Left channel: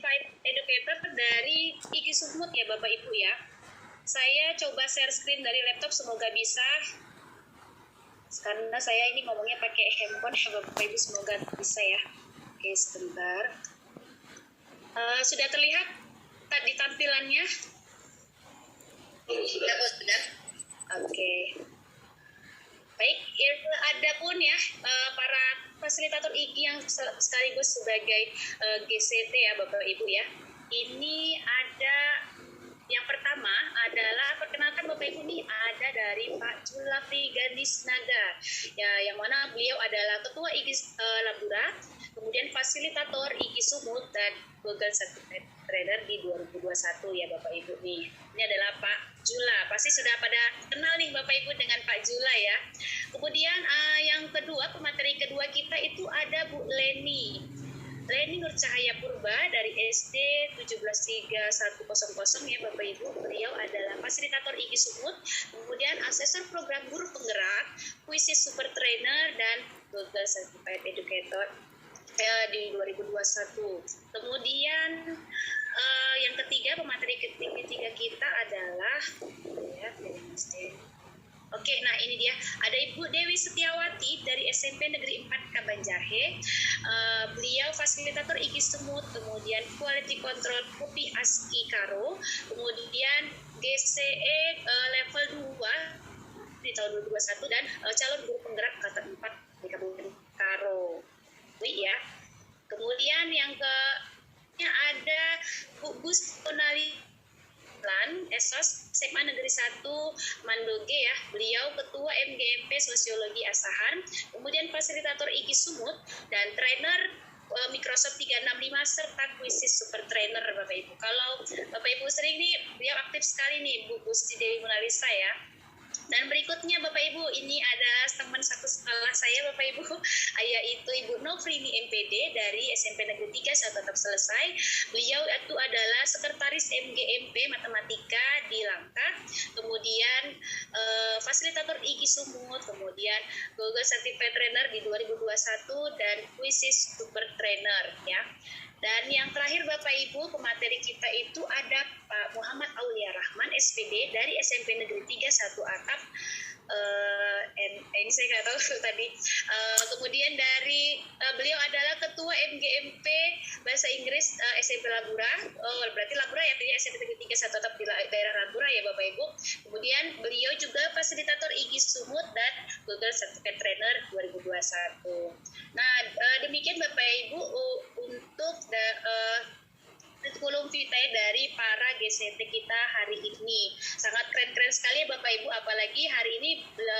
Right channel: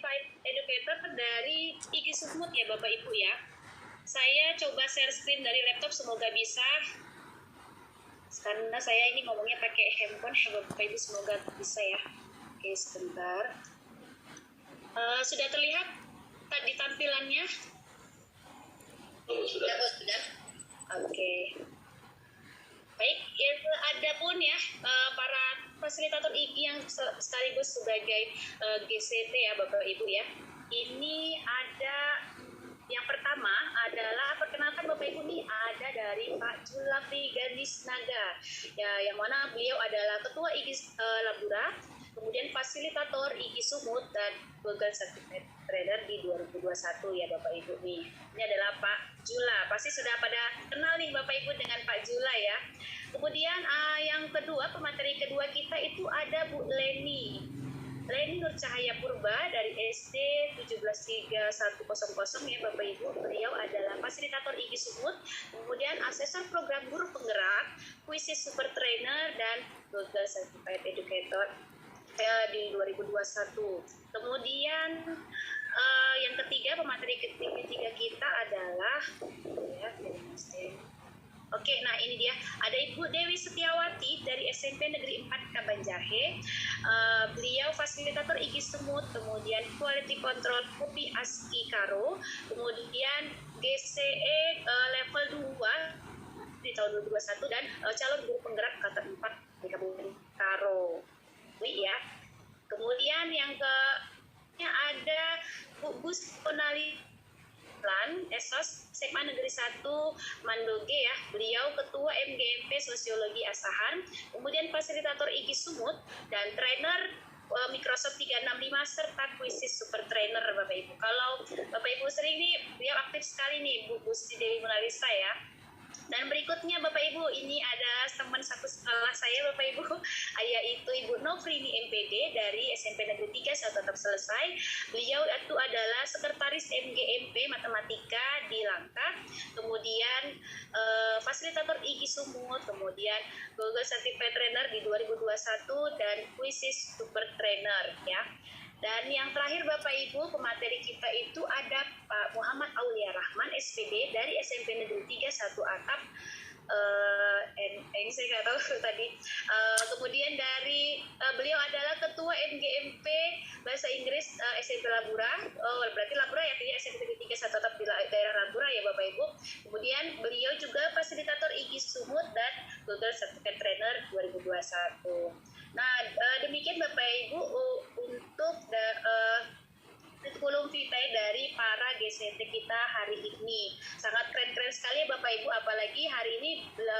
Certified Educator dari IGI Sumut ya Bapak Ibu ya. Saya coba share screen dari laptop, semoga bisa. Karena saya ini ngomongnya pakai handphone ya Bapak Ibu, semoga bisa ya. Oke, sebentar. Sudah terlihat tadi tampilannya? Sudah. Oke. Baik, ada pun ya para fasilitator IGI yang sekaligus sebagai GCT ya Bapak Ibu ya. Ini ada yang pertama adalah perkenalkan Bapak Ibu nih, ada dari Pak Julafri Gandisnaga ya, yang mana beliau adalah Ketua IGI Labura, kemudian fasilitator IGI Sumut dan Google Certified Trainer di 2021 ya Bapak Ibu nih. Ini adalah Pak Jula, pasti sudah pada kenal nih Bapak Ibu dengan Pak Jula ya. Kemudian yang kedua, pemateri kedua kita itu ada Bu Leni Nur Cahaya Purba dari SD 17310 ya Bapak Ibu. Beliau adalah fasilitator IGI Sumut, kemudian asesor program guru penggerak, kuisis super trainer dan Google Certified Educator di 2021. Kemudian yang ketiga, pemateri ketiga kita adalah Oke, nah ini dia, ada Ibu Dewi Setiawati dari SMP Negeri 4 Kabanjahe. Beliau fasilitator IGI Sumut, kemudian Quality Control Kopi Aski Karo, kemudian GCE level 2 di tahun 2021 dan calon guru penggerak kata 4 di Kabupaten Karo. Ini ya. Kemudian yang ada Bu Gus Ponali Esos SMA Negeri 1 Mandoge ya, beliau Ketua MGMP Sosiologi Asahan, kemudian fasilitator IGI Sumut dan trainer Microsoft 365 serta kuisis super trainer Bapak Ibu. Kalau Bapak Ibu sering nih, beliau aktif sekali nih Bu Gusti Dewi Monalisa ya. Dan berikutnya Bapak Ibu, ini adalah teman satu sekolah saya Bapak Ibu, yaitu Ibu Nofrini MPD dari SMP Negeri 3 saya tetap selesai. Beliau itu adalah sekretaris MGMP Matematika di Langkat, kemudian fasilitator IGI Sumut, kemudian Google Certified Trainer di 2021 dan kuisis super trainer ya. Dan yang terakhir Bapak Ibu, pemateri kita itu ada Pak Muhammad Aulia Rahman SPD dari SMP Negeri 3 1 Atap. Ini saya nggak tahu tadi. Kemudian dari beliau adalah Ketua MGMP Bahasa Inggris SMP Labura. Berarti Labura ya, jadi SMP Negeri 3 1 Atap di daerah Labura ya Bapak Ibu. Kemudian beliau juga fasilitator IGI Sumut dan Google Certified Trainer 2021. Nah, demikian Bapak Ibu untuk kurikulum vitae dari para GCT kita hari ini. Sangat keren-keren sekali ya Bapak Ibu, apalagi hari ini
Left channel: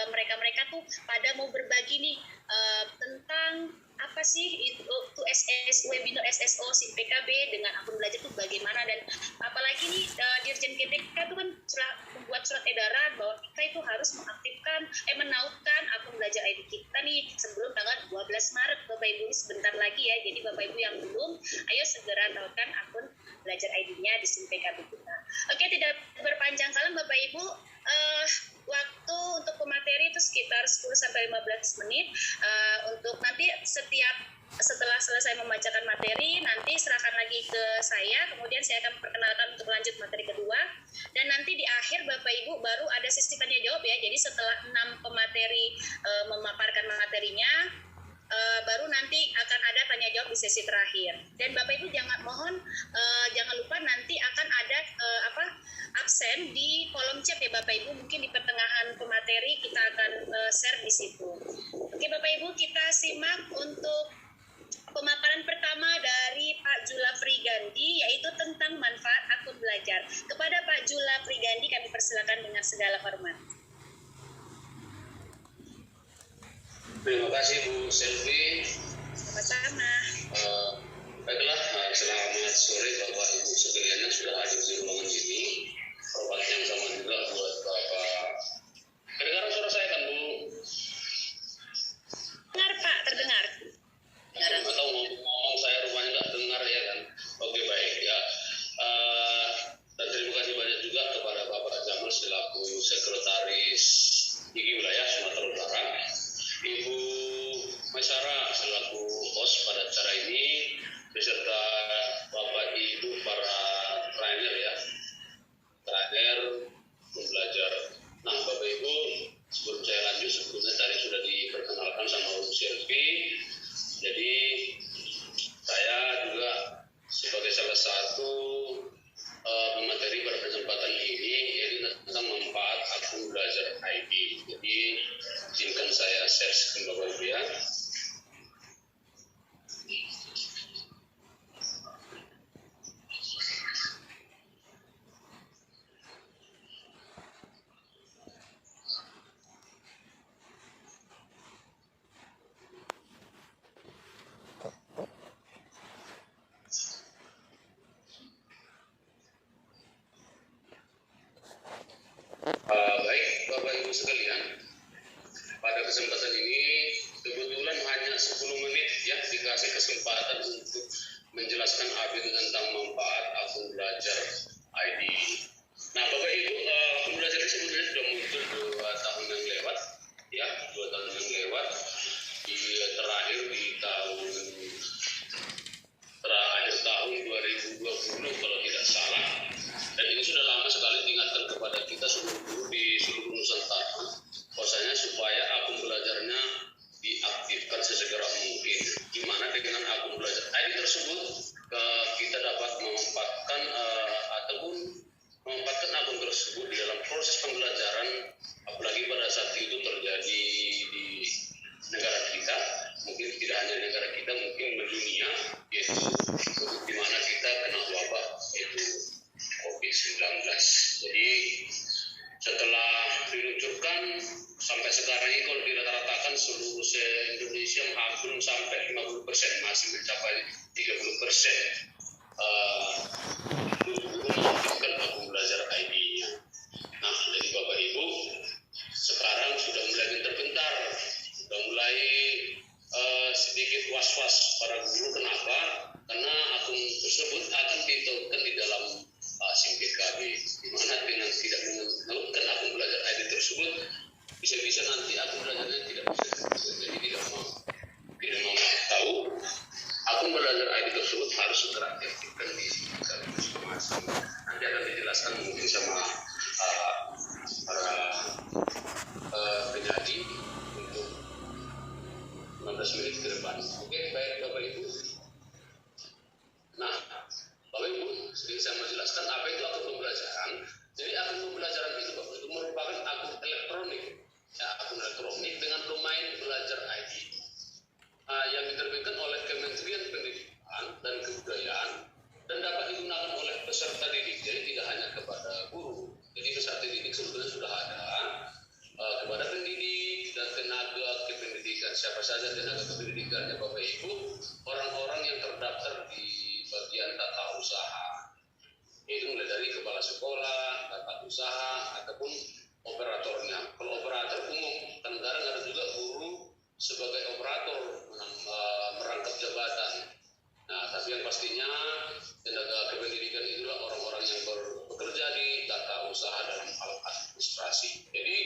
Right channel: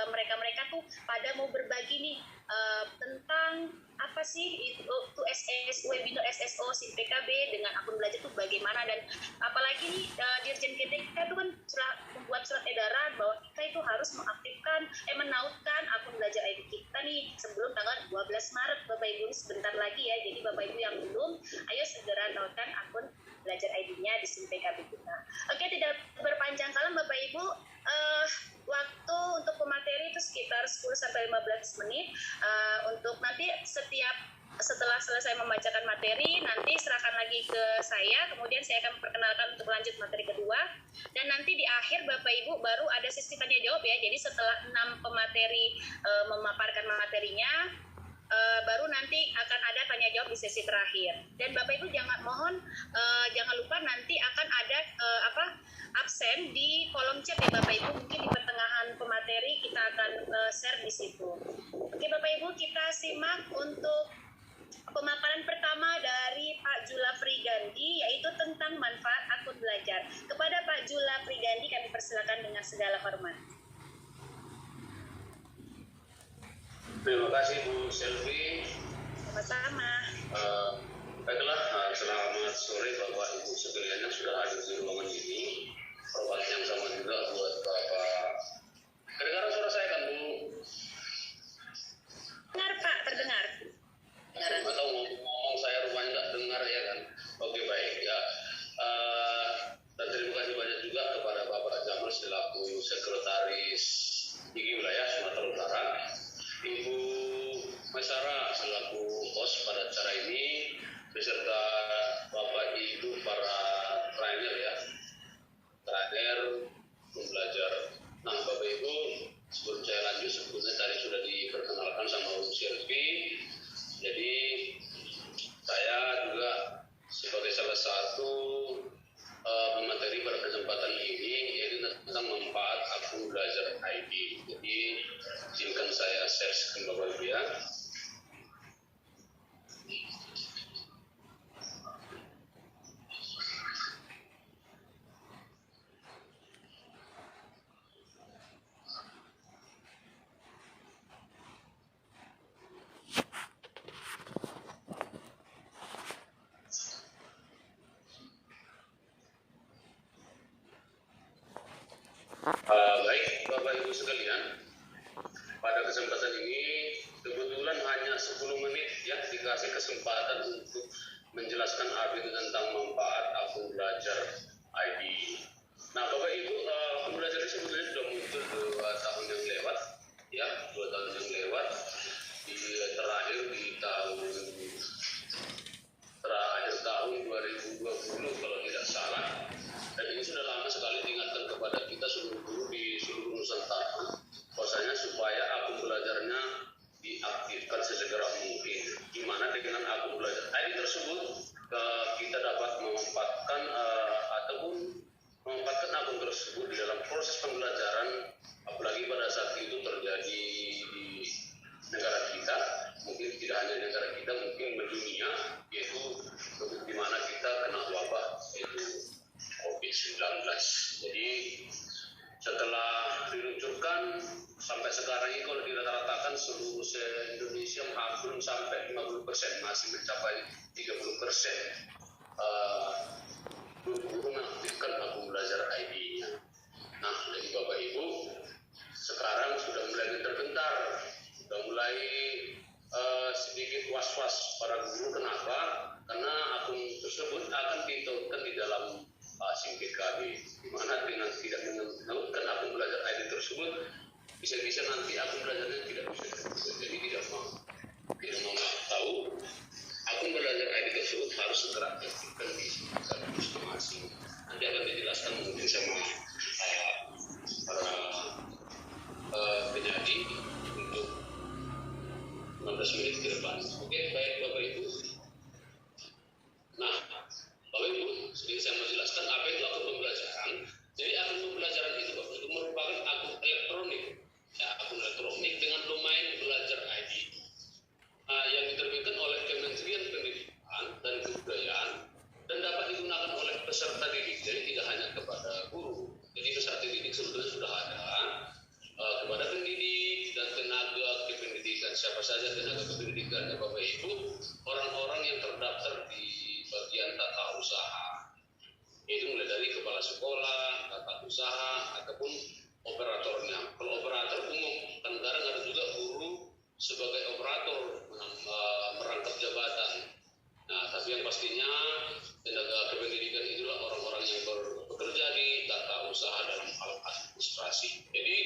mereka-mereka tuh pada mau berbagi nih tentang apa sih itu webinar SSO SIM PKB dengan akun belajar tuh bagaimana, dan apalagi nih Dirjen GTK itu kan membuat surat edaran bahwa kita itu harus mengaktifkan menautkan akun belajar ID kita nih sebelum tanggal 12 Maret Bapak Ibu, ini sebentar lagi ya. Jadi Bapak Ibu yang belum, ayo segera nautkan akun belajar ID-nya di SIM PKB kita. Oke, tidak berpanjang kali Bapak Ibu, waktu untuk pemateri itu sekitar 10-15 menit. Untuk nanti setelah selesai membacakan materi, nanti serahkan lagi ke saya, kemudian saya akan perkenalkan untuk lanjut materi kedua, dan nanti di akhir Bapak Ibu baru ada sesi tanya jawab ya. Jadi setelah 6 pemateri memaparkan materinya, baru nanti akan ada tanya jawab di sesi terakhir. Dan Bapak Ibu jangan lupa nanti akan ada absen di kolom chat ya Bapak Ibu, mungkin di pertengahan pemateri kita akan share di situ. Oke Bapak Ibu, kita simak untuk pemaparan pertama dari Pak Julafri Gandhi, yaitu tentang manfaat akun belajar. Kepada Pak Julafri Gandhi kami persilakan dengan segala hormat. Terima kasih Bu Selvi. Sama-sama. Baiklah, selamat sore Bapak Ibu sekalian yang sudah hadir di ruangan ini. Hormat yang sama juga buat Bapak. Kedengaran suara saya kan Bu? Dengar Pak, terdengar. Atau ngomong saya rumahnya nggak dengar ya kan? Oke baik ya. Dan terima kasih banyak juga kepada Bapak Jamal selaku sekretaris IGI Wilayah Sumatera Utara, Ibu Maisara selaku host pada acara ini, beserta Bapak Ibu kesempatan ini kebetulan hanya 10 menit ya dikasih kesempatan untuk menjelaskan Abid tentang manfaat akun belajar ID. Nah, Bapak Ibu, akun belajar ini sebenarnya sudah muncul 2 tahun yang lewat, ya, 2 tahun yang lewat. Terakhir di akhir tahun 2020 kalau tidak salah. Dan ini sudah lama sekali diingatkan kepada kita seluruh guru di seluruh Nusantara, bahwasanya supaya akun belajarnya diaktifkan sesegera mungkin. Di mana dengan akun belajar ID tersebut kita dapat memanfaatkan ataupun memanfaatkan akun tersebut di dalam proses pembelajaran, apalagi pada saat itu terjadi di negara kita, mungkin tidak hanya di negara kita, mungkin mendunia, yaitu di mana kita kena wabah yaitu COVID-19. Jadi setelah diluncurkan sampai sekarang ini kalau dirata-ratakan seluruh Indonesia belum sampai 50%, masih mencapai 30%. Guru mengaktifkan akun belajar ID-nya. Nah, jadi Bapak Ibu sekarang sudah mulai gentar-gentar, sudah mulai sedikit was-was para guru. Kenapa? Karena akun tersebut akan ditautkan di dalam SIM PKB, di mana dengan tidak menautkan akun belajar ID tersebut, bisa-bisa nanti akun belajarnya tidak bisa. Jadi tidak mau tahu akun belajar ID tersebut harus segera diaktifkan di SIM PKB masing-masing. Nanti akan dijelaskan mungkin sama para penjadi untuk 15 menit ke depan. Oke, baik Bapak Ibu. Nah, Bapak Ibu, sedikit saya mau jelaskan apa itu akun pembelajaran. Jadi akun pembelajaran itu Bapak Ibu merupakan akun elektronik, ya, akun elektronik dengan domain belajar ID yang diterbitkan oleh Kementerian Pendidikan dan Kebudayaan dan dapat digunakan oleh peserta didik. Jadi tidak hanya kepada guru. Jadi peserta didik sebetulnya sudah ada kepada pendidik dan tenaga kependidikan. Siapa saja tenaga kependidikannya Bapak Ibu? Orang-orang yang terdaftar di bagian tata usaha. Itu mulai dari kepala sekolah, tata usaha, ataupun operatornya. Kalau operator umum, kan kadang ada juga guru sebagai operator merangkap jabatan. Nah, tapi yang pastinya tenaga kependidikan itulah orang-orang yang bekerja di tata usaha dalam hal administrasi. Jadi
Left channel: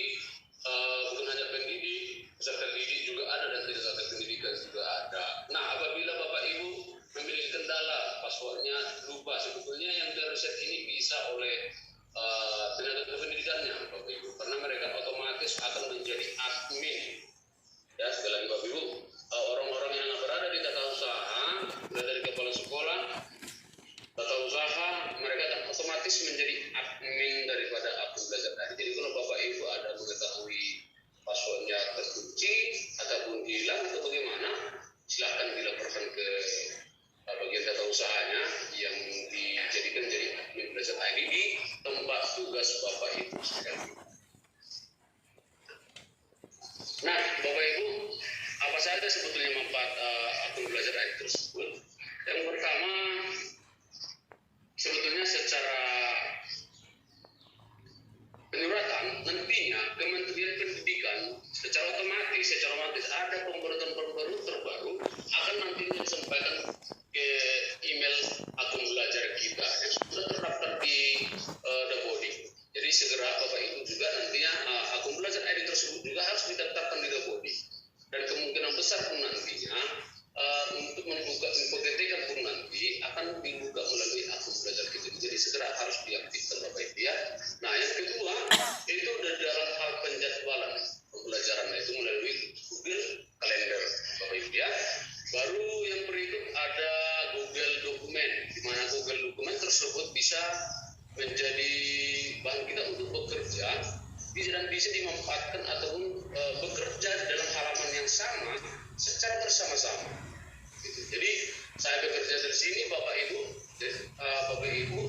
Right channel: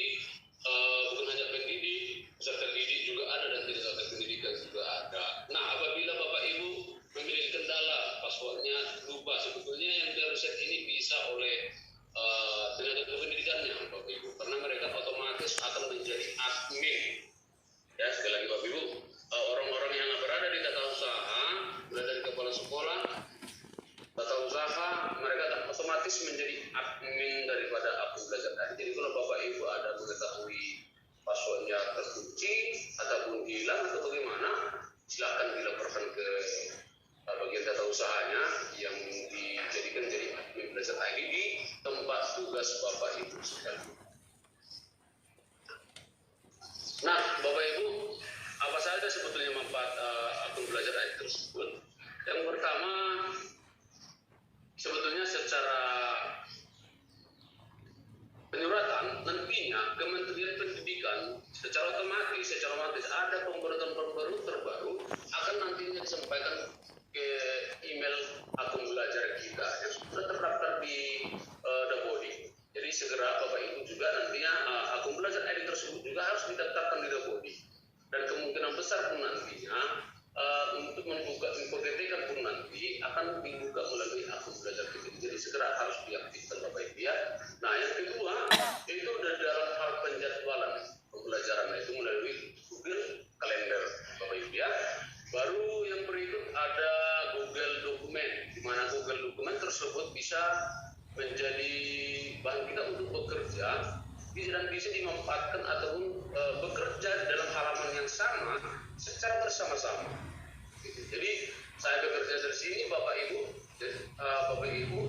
bukan hanya pendidik, peserta didik juga ada dan tenaga kependidikan juga ada. Nah, apabila Bapak Ibu memiliki kendala passwordnya lupa, sebetulnya yang di-reset ini bisa oleh tenaga kependidikannya Bapak Ibu, karena mereka otomatis akan menjadi admin. Ya, sekali lagi Bapak Ibu, orang-orang yang berada di tata usaha, mulai dari kepala sekolah, tata usaha, mereka akan otomatis menjadi admin daripada akun belajar tadi. Jadi kalau Bapak Ibu ada mengetahui passwordnya terkunci ataupun hilang atau bagaimana, silakan dilaporkan ke bagian tata usahanya yang dijadikan jadi admin belajar ID di tempat tugas Bapak Ibu sekalian. Nah, Bapak Ibu, apa saja sebetulnya manfaat akun belajar ID tersebut? Yang pertama, sebetulnya secara penyuratan nantinya Kementerian Pendidikan secara otomatis ada pembaruan terbaru akan nantinya disampaikan ke email akun belajar kita yang sudah terdaftar di Dapodi. Jadi segera Bapak Ibu juga nantinya akun belajar ID tersebut juga harus didaftarkan di Dapodi. Dan kemungkinan besar pun nantinya untuk membuka info GTK pun nanti akan dibuka melalui akun belajar kita. Jadi segera harus diaktifkan Bapak Ibu ya. Nah, yang kedua itu dalam hal penjadwalan pembelajaran itu melalui Google Calendar Bapak Ibu ya. Baru yang berikut ada Google Dokumen, di mana Google Dokumen tersebut bisa menjadi bahan kita untuk bekerja dan bisa dimanfaatkan ataupun bekerja dalam halaman yang sama secara bersama-sama. Jadi saya bekerja dari sini, Bapak Ibu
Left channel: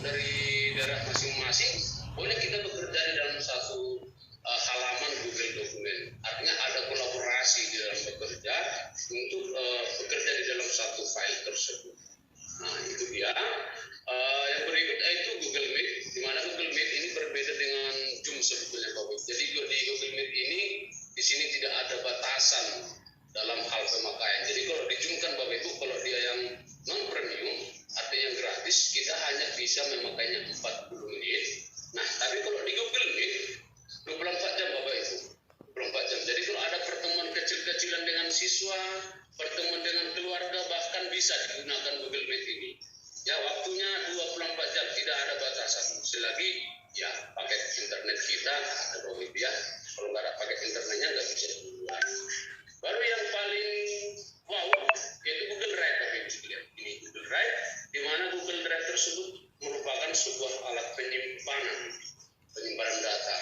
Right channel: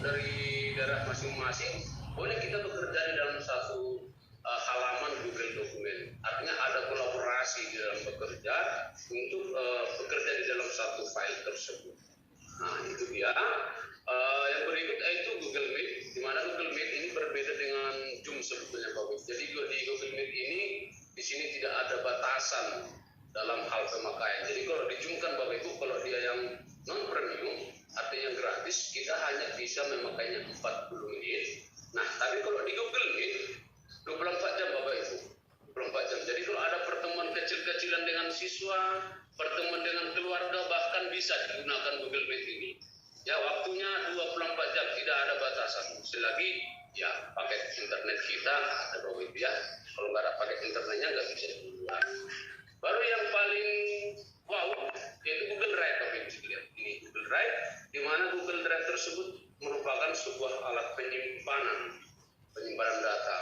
dari daerah masing-masing, boleh kita bekerja di dalam satu halaman Google Dokumen. Artinya ada kolaborasi di dalam bekerja untuk bekerja di dalam satu file tersebut. Nah, itu dia. Yang berikut yaitu Google Meet, di mana Google Meet ini berbeda dengan Zoom sebetulnya Bapak. Jadi di Google Meet ini di sini tidak ada batasan dalam hal pemakaian. Jadi kalau dijumkan Bapak Ibu, kalau dia yang non premium artinya yang gratis, kita hanya bisa memakainya 40 menit. Nah, tapi kalau di Google Meet 24 jam Bapak Ibu, 24 jam. Jadi kalau ada pertemuan kecil-kecilan dengan siswa, pertemuan dengan keluarga, bahkan bisa digunakan Google Meet ini. Ya, waktunya 24 jam, tidak ada batasan. Selagi ya paket internet kita ada Bapak Ibu ya. Kalau nggak ada paket internetnya nggak bisa digunakan. Baru yang paling wow yaitu Google Drive Bapak Ibu sekalian. Ini Google Drive, di mana Google Drive tersebut merupakan sebuah alat penyimpanan data.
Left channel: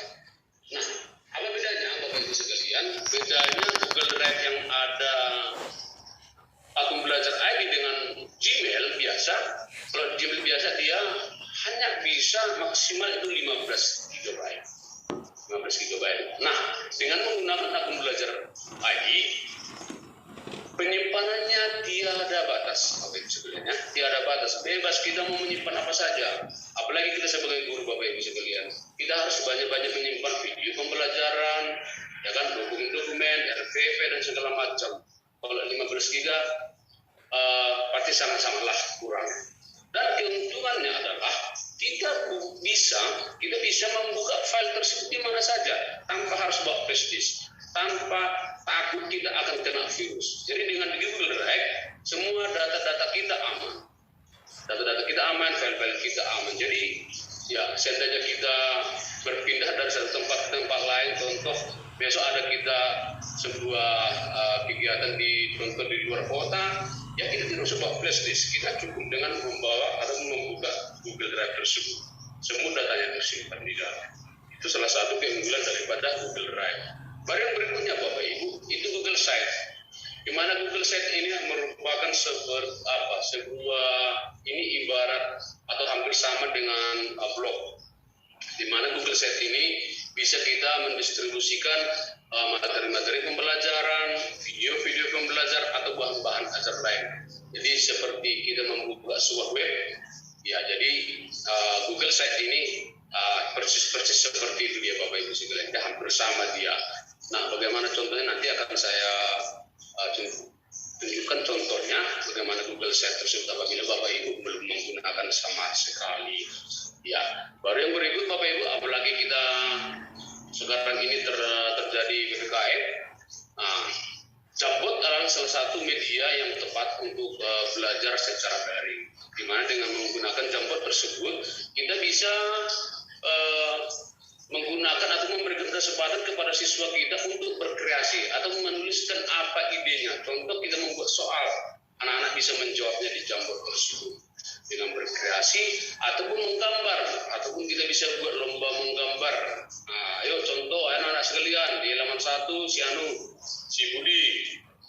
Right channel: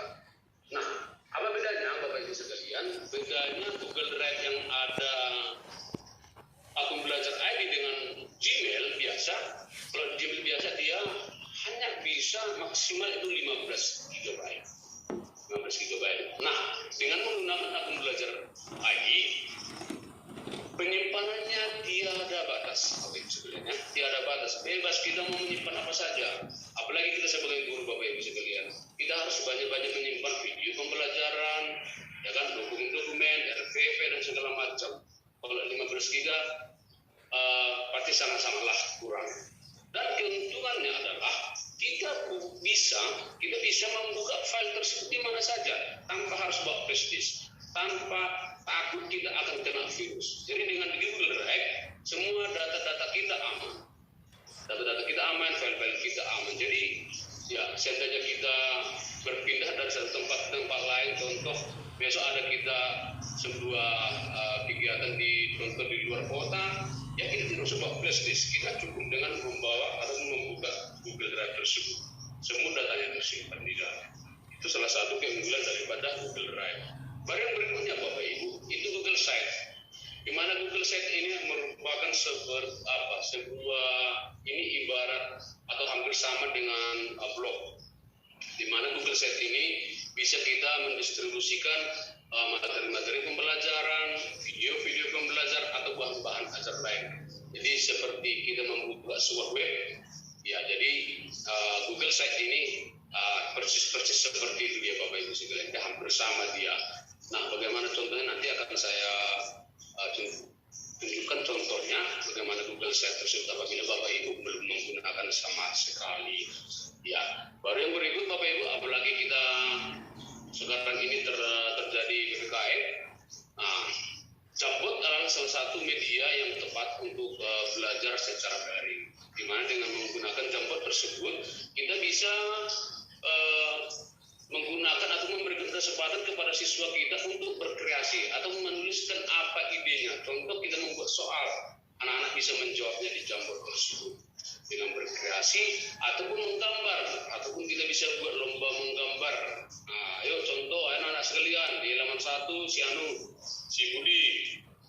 Nah, apa bedanya Bapak Ibu sekalian? Bedanya Google Drive yang ada akun belajar ID dengan Gmail biasa. Kalau Gmail biasa dia hanya bisa maksimal itu 15 GB. 15 GB. Nah, dengan menggunakan akun belajar ID, penyimpanannya tiada batas, Bapak Ibu sekalian ya. Tiada batas, bebas kita mau menyimpan apa saja. Apalagi kita sebagai guru Bapak Ibu sekalian, kita harus banyak-banyak menyimpan video pembelajaran, ya kan, dokumen, RPP dan segala macam. Kalau 15 GB pasti sangat-sangatlah kurang. Dan keuntungannya adalah kita bisa membuka file tersebut di mana saja tanpa harus bawa flash disk, tanpa takut kita akan kena virus. Jadi dengan Google Drive semua data-data kita aman. Data-data kita aman, file-file kita aman. Jadi ya seandainya kita berpindah dari satu tempat ke tempat lain, contoh besok ada kita sebuah kegiatan di luar kota, ya kita tidak usah bawa flash disk, kita cukup dengan membawa atau membuka Google Drive tersebut. Semua datanya tersimpan di dalam. Itu salah satu keunggulan daripada Google Drive. Baru yang berikutnya Bapak Ibu, itu Google Sites. Di mana Google Sites ini merupakan sebuah ini ibarat atau hampir sama dengan blog. Di mana Google Sites ini bisa kita mendistribusikan materi-materi pembelajaran, video-video pembelajaran atau bahan-bahan ajar lain. Jadi seperti kita membuka sebuah web, ya jadi Google Sites ini persis seperti itu dia Bapak Ibu sekalian, hampir sama dia. Nah, bagaimana contohnya nanti akan saya tunjukkan contohnya bagaimana Google Sites tersebut apabila Bapak Ibu belum menggunakan sama sekali. Ya, baru yang berikut Bapak Ibu, apalagi kita sekarang ini terjadi PPKM. Nah, Jamboard adalah salah satu media yang tepat untuk belajar secara daring. Di mana dengan menggunakan Jamboard tersebut, kita bisa menggunakan atau memberikan kesempatan kepada siswa kita untuk berkreasi atau menuliskan apa idenya. Contoh kita membuat soal, anak-anak bisa menjawabnya di Jamboard tersebut dengan berkreasi ataupun menggambar, ataupun kita bisa buat lomba menggambar. Nah, ayo contoh anak-anak sekalian di halaman 1 si Anu, si Budi,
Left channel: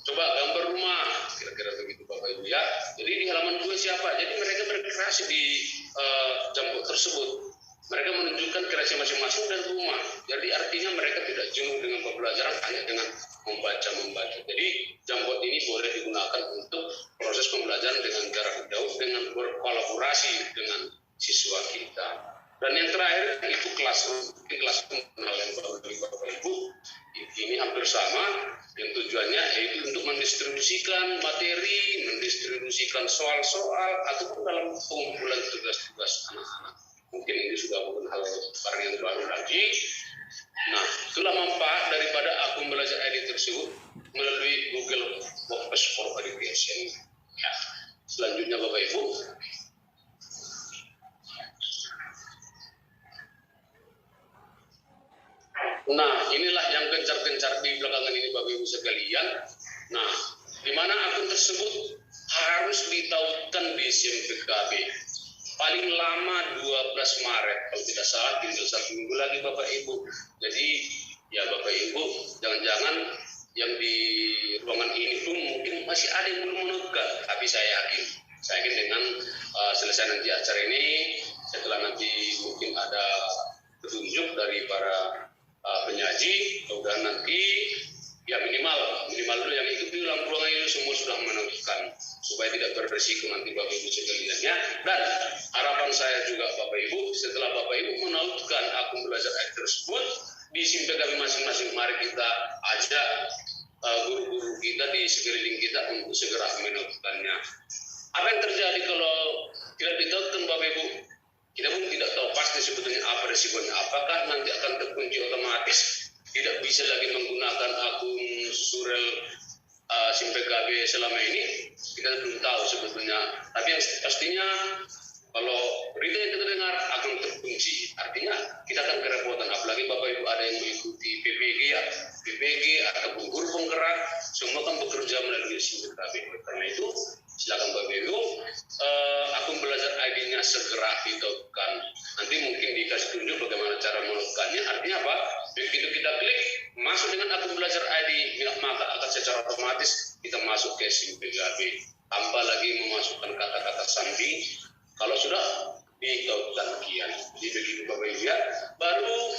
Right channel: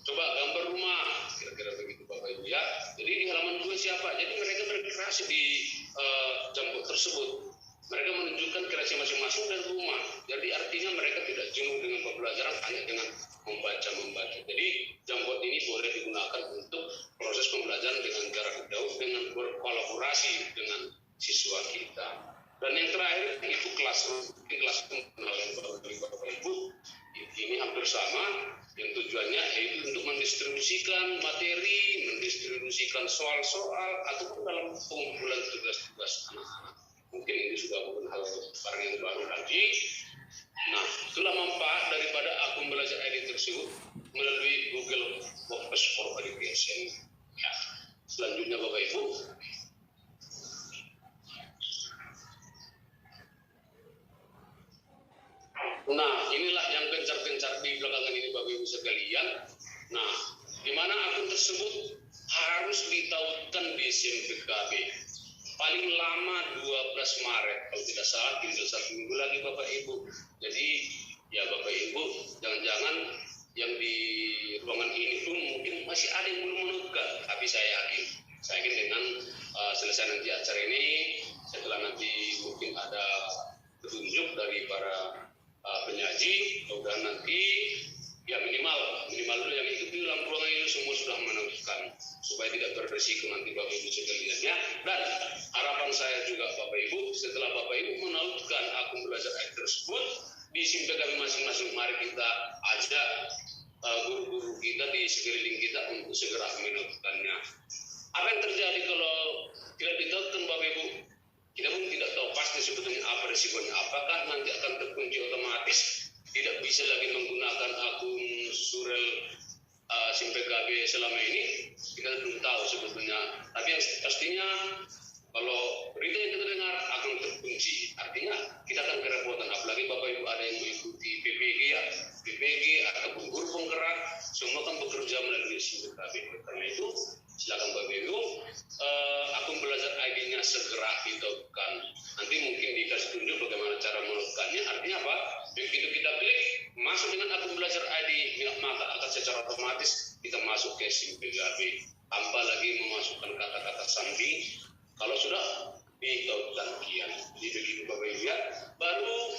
coba gambar rumah, kira-kira begitu Bapak Ibu ya. Jadi di halaman 2 siapa? Jadi mereka berkreasi di Jamboard tersebut. Mereka menunjukkan kreasi masing-masing dari rumah. Jadi artinya mereka tidak jenuh dengan pembelajaran hanya dengan membaca. Jadi Jamboard ini boleh digunakan untuk proses pembelajaran dengan jarak jauh, dengan berkolaborasi dengan siswa kita. Dan yang terakhir itu Classroom yang baru dari Bapak Ibu. Ini hampir sama. Yang tujuannya yaitu untuk mendistribusikan materi, mendistribusikan soal-soal ataupun dalam pengumpulan tugas-tugas anak-anak. Mungkin ini sudah bukan hal yang baru lagi. Nah, itulah manfaat daripada akun belajar ID tersebut melalui Google Workspace for Education. Ya. Selanjutnya Bapak Ibu. Nah, inilah yang gencar-gencar di belakangan ini Bapak Ibu sekalian. Nah, di mana akun tersebut harus ditautkan di SIM-PKB. Paling lama 12 Maret, kalau tidak salah tinggal 1 minggu lagi Bapak Ibu. Jadi ya Bapak Ibu, jangan-jangan yang di ruangan ini pun mungkin masih ada yang belum menemukan. Tapi saya yakin dengan selesai nanti acara ini, setelah nanti mungkin ada petunjuk dari para penyaji, mudah nanti ya minimal dulu yang ikut di dalam ruangan ini semua sudah menentukan supaya tidak beresiko nanti Bapak Ibu sekalian ya. Dan harapan saya juga Bapak Ibu, setelah Bapak Ibu menautkan akun belajar tersebut, di SIMPE kami masing-masing, mari kita ajak guru-guru kita di sekeliling kita untuk segera melakukannya. Apa yang terjadi kalau tidak diterapkan Bapak Ibu? Kita pun tidak tahu pasti sebetulnya apa resikonya. Apakah nanti akan terkunci otomatis, tidak bisa lagi menggunakan akun surel SIMPE KB selama ini? Kita belum tahu sebetulnya. Tapi yang pastinya kalau berita yang kita dengar akan terkunci, artinya kita akan kerepotan. Apalagi Bapak Ibu ada yang mengikuti PPG ataupun guru penggerak, semua kan bekerja melalui SIMPE KB. Karena itu silakan Bapak Ibu, akun belajar ID-nya segera ditautkan. Nanti mungkin dikasih tunjuk bagaimana cara melakukannya. Artinya apa? Begitu kita klik masuk dengan akun belajar ID, maka akan secara otomatis kita masuk ke SIMPE KB tanpa lagi memasukkan kata-kata sandi. Kalau sudah ditautkan sekian, jadi begitu Bapak Ibu ya. Baru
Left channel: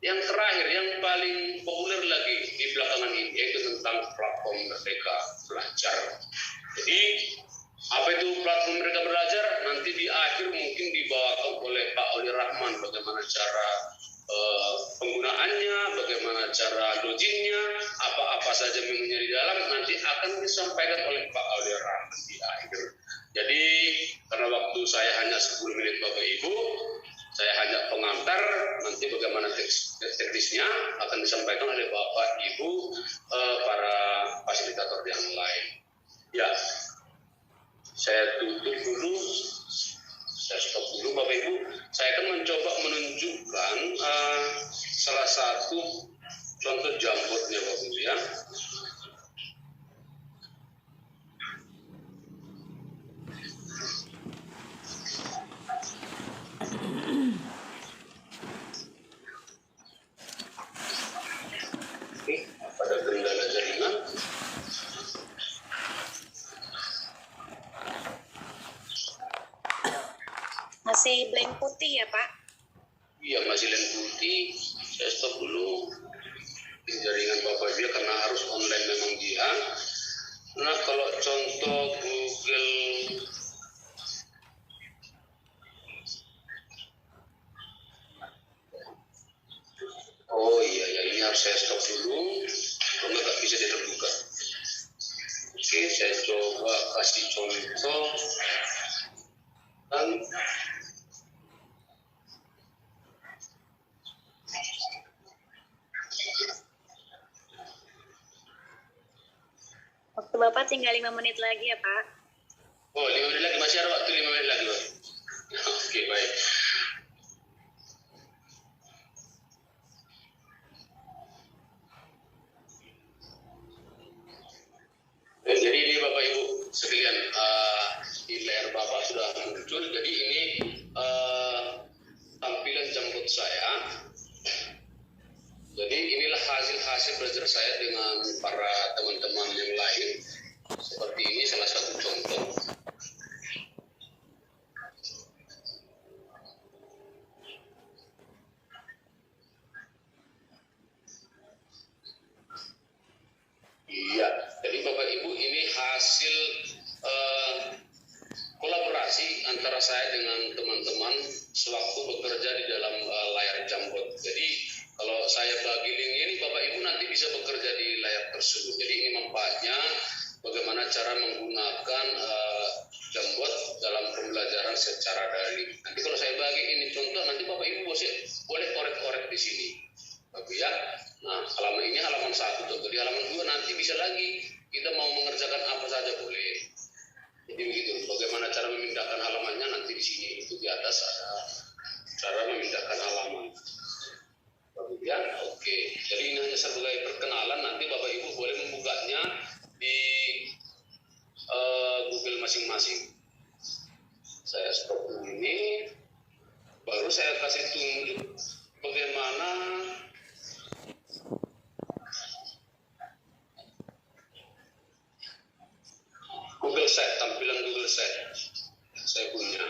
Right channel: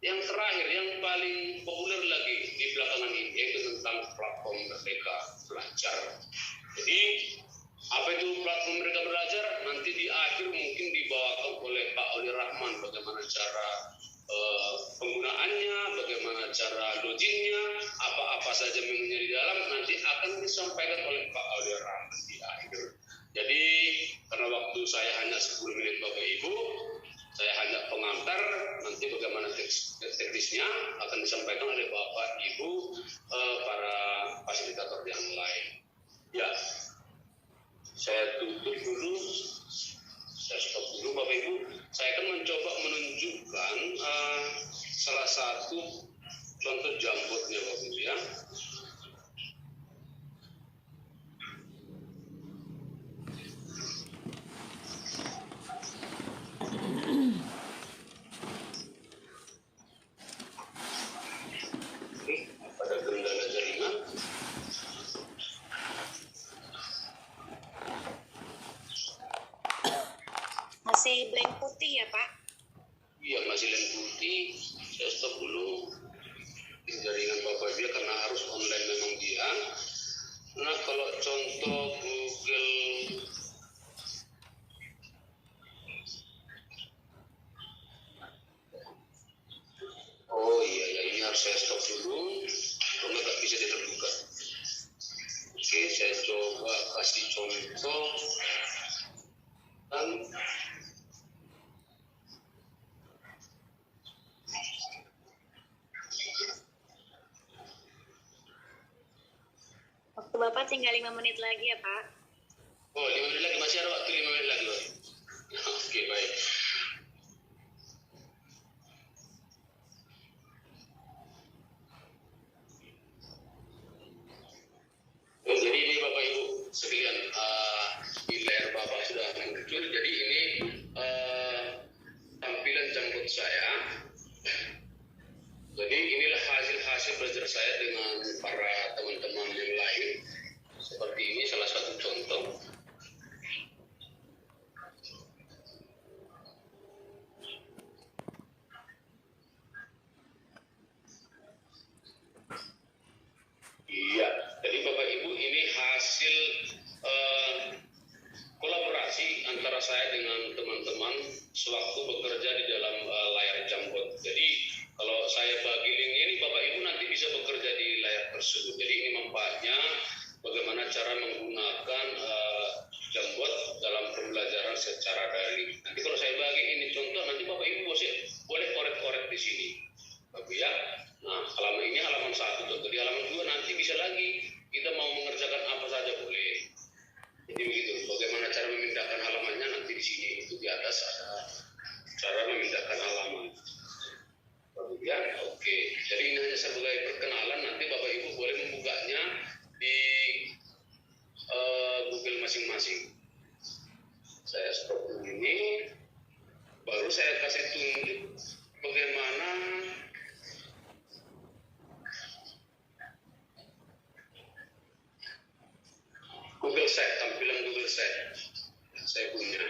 yang terakhir, yang paling populer lagi di belakangan ini, yaitu tentang platform Merdeka Belajar. Jadi apa itu platform Merdeka Belajar? Nanti di akhir mungkin dibawakan oleh Pak Oli Rahman bagaimana cara penggunaannya, bagaimana cara loginnya, apa-apa saja menunya di dalam, nanti akan disampaikan oleh Pak Oli Rahman di akhir. Jadi karena waktu saya hanya 10 menit Bapak Ibu, saya hanya pengantar, nanti bagaimana teknisnya akan disampaikan oleh Bapak Ibu para fasilitator yang lain. Ya, saya tutup dulu, saya stop dulu Bapak Ibu. Saya akan mencoba menunjukkan salah satu contoh jambotnya Bapak Ibu ya. Pada kendala jaringan. Masih blank putih ya Pak? Iya, masih blank putih. Saya stop dulu. Jaringan Bapak dia karena harus online memang dia. Nah, kalau contoh Google ini harus saya stop dulu. Karena nggak bisa terbuka. Oke, saya coba kasih contoh. Dan Waktu Bapak tinggal 5 menit lagi ya Pak? Oh, 5 menit lagi, masih ada waktu 5 menit lagi Pak. Oke, baik. Jadi ini Bapak Ibu sekalian, di layar Bapak sudah muncul. Jadi ini tampilan jambot saya. Jadi inilah hasil belajar saya dengan para teman-teman yang lain. Seperti ini salah satu contoh. Iya, jadi Bapak Ibu ini hasil kolaborasi antara saya dengan teman-teman sewaktu bekerja di dalam layar jambot. Jadi kalau saya bagi link ini Bapak Ibu nanti bisa bekerja di layar tersebut. Jadi ini manfaatnya bagaimana cara menggunakan jambot dalam pembelajaran secara daring. Nanti kalau saya bagi ini contoh, nanti Bapak Ibu boleh korek-korek di sini. Bapak ya. Nah, halaman ini halaman 1 contoh. Di halaman 2 nanti bisa lagi kita mau mengerjakan apa saja boleh. Jadi begitu. Bagaimana cara memindahkan halamannya nanti di sini itu di atas ada cara memindahkan halaman. Bapak ya, oke. Jadi ini hanya sebagai perkenalan. Nanti Bapak Ibu boleh membukanya di Google masing-masing. Saya stop dulu ini. Baru saya kasih tunjuk bagaimana Google Sheet, tampilan Google Sheet saya punya.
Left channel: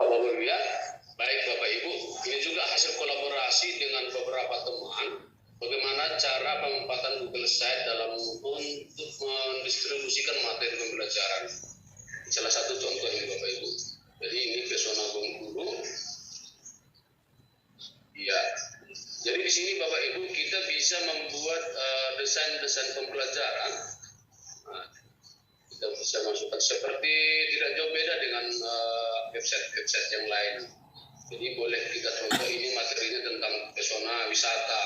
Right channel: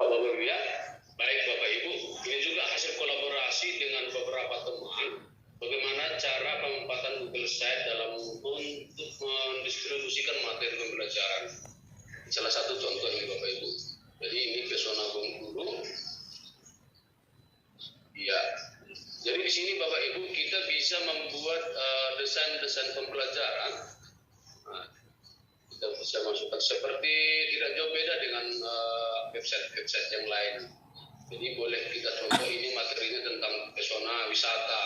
Bapak Ibu ya, baik Bapak Ibu, ini juga hasil kolaborasi dengan beberapa teman. Bagaimana cara penempatan Google Sheet dalam untuk mendistribusikan materi pembelajaran. salah satu contoh ini Bapak Ibu. Jadi ini pesona Bengkulu. Ya. Jadi di sini Bapak Ibu kita bisa membuat desain-desain pembelajaran. Nah, kita bisa masukkan seperti tidak jauh beda dengan website-website yang lain. Jadi boleh kita contoh ini materinya tentang pesona wisata.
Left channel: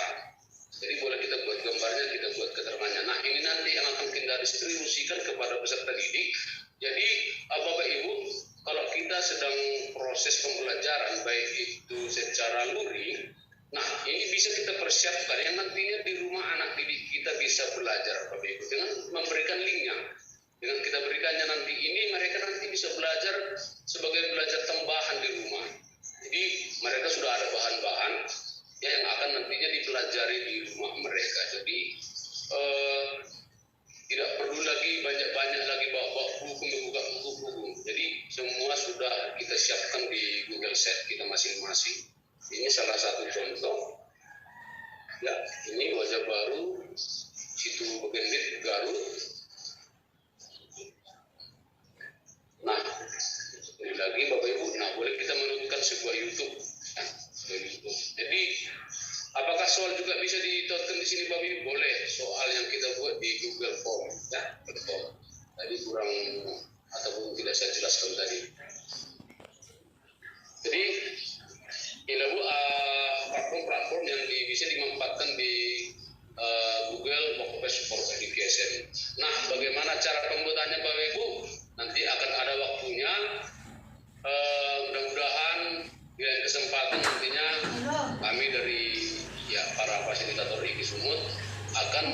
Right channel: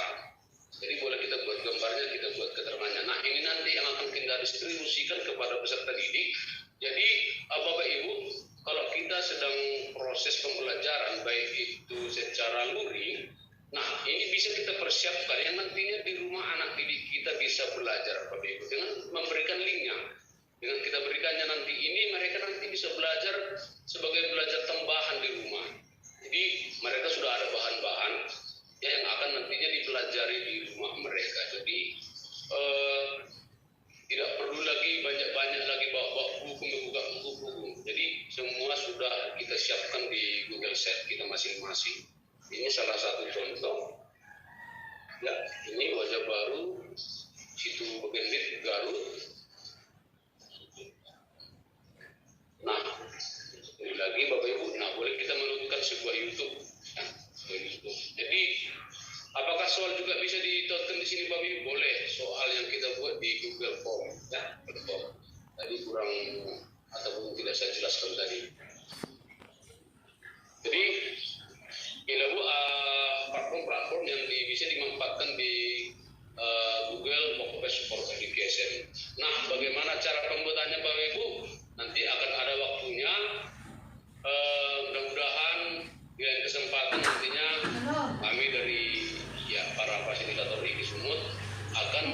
Jadi boleh kita buat gambarnya, kita buat keterangannya. Nah ini nanti yang akan kita distribusikan kepada peserta didik. Jadi Bapak Ibu, kalau kita sedang proses pembelajaran baik itu secara luring, nah ini bisa kita persiapkan yang nantinya di rumah anak didik kita bisa belajar Bapak Ibu dengan memberikan linknya. Dengan kita berikannya nanti ini mereka nanti bisa belajar sebagai belajar tambahan di rumah. Jadi mereka sudah ada bahan-bahan yang akan nantinya dipelajari di rumah mereka. Jadi tidak perlu lagi banyak-banyak lagi bawa buku, membuka buku. Jadi semua sudah kita siapkan di Google Sheet kita masing-masing. Ini salah satu contoh. Ya, ini wajah baru situ Begendit Garut. Nah, sekali lagi Bapak Ibu, nah boleh kita menunjukkan sebuah YouTube. Nah, YouTube. Jadi apakah soal juga bisa ditautkan di sini Bapak Ibu? Boleh. Soal yang kita buat di Google Form, ya, betul. Tadi kurang ataupun tidak saya jelaskan tadi. Jadi ini Bu platform-platform yang bisa dimanfaatkan di Google Workspace for Education. Nah, bagaimana cara pembuatannya Bapak Ibu? Nanti akan ada waktunya. Mudah-mudahan di lain kesempatan nantinya kami dari para fasilitator IKI Sumut akan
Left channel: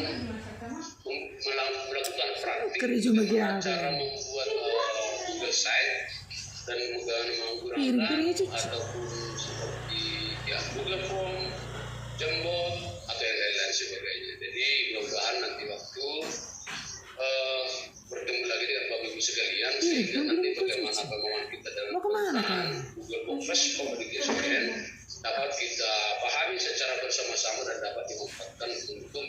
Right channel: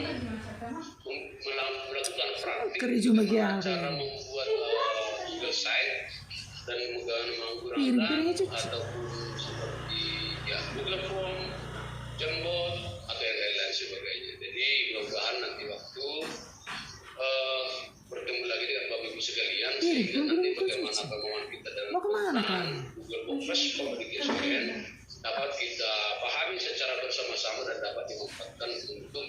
melakukan praktik cara membuat Google Site dan menggunakan ataupun seperti Google Form, Jembot atau yang lain-lain sebagainya. Jadi mudah-mudahan nanti waktu bertemu lagi dengan Bapak Ibu sekalian sehingga nanti bagaimana kemauan kita dalam Google Workspace Communication dapat kita pahami secara bersama-sama dan dapat dimanfaatkan untuk